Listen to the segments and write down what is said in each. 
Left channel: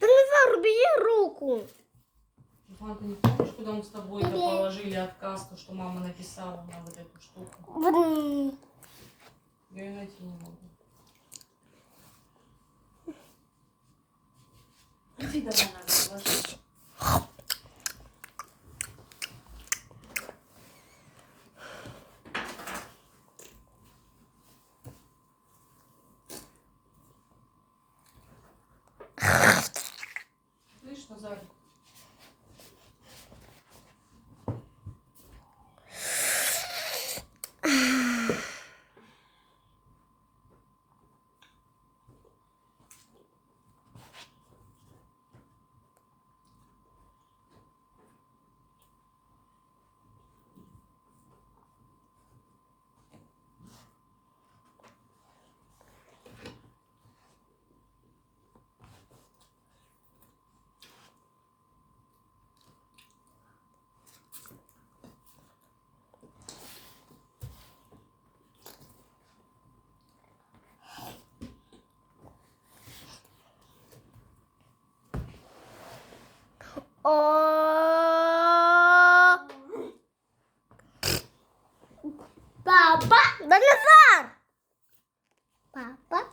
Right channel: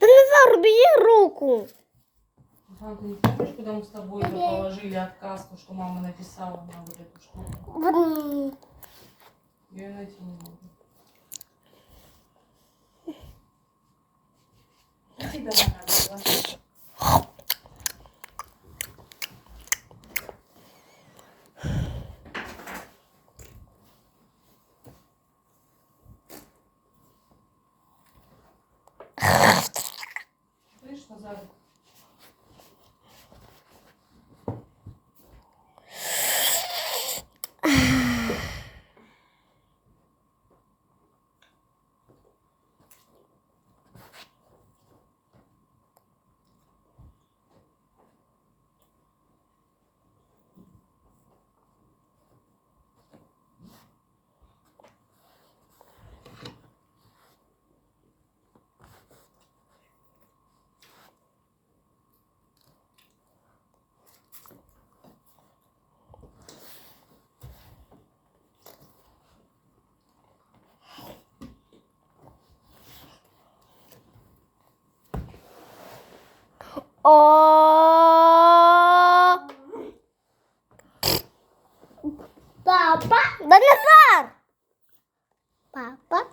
Назар, убери руку. Руслан, ты не помнишь, когда мы с тобой положили отказ, то, что мама написала на вот эту штуку? Я ее найти не могу. Иди давай, Надя, ложись. Слышь, Назар? Папа? Да, Назар! Папа?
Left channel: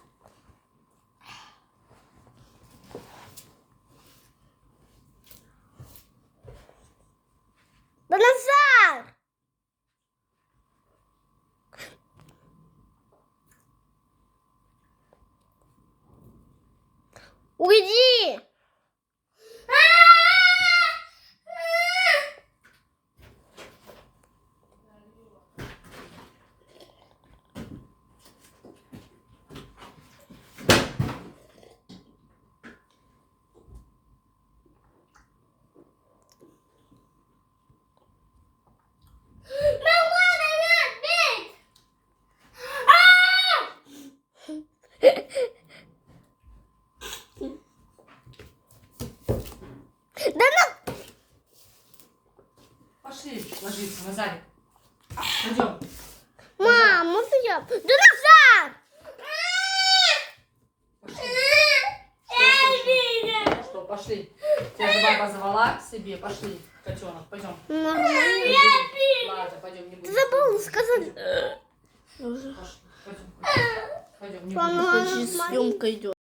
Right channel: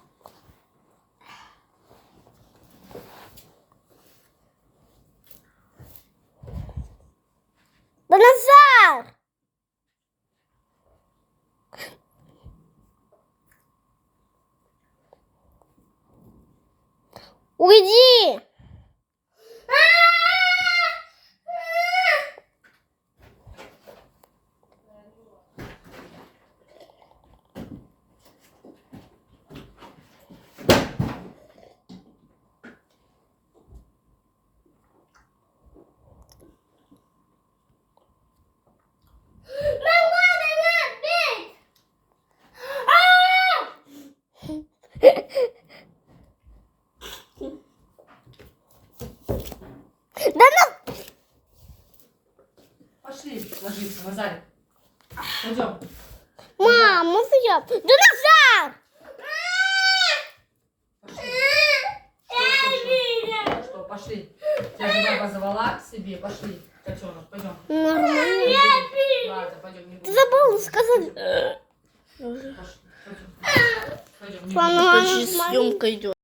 Да, Назар! Уйди! Да ну! Пошли ложиться, Назарик. Пойдем. Мама, я... Да, Назар! Пошли. Что, пошли. Тебя же баба звала к себе. Пошли, котенок, пойдем. Нормально. Ладно, пойдем. Не Ты будем. забыла сказать. Пошли, пойдем. Пойдем, не будем. Почти съемка идет.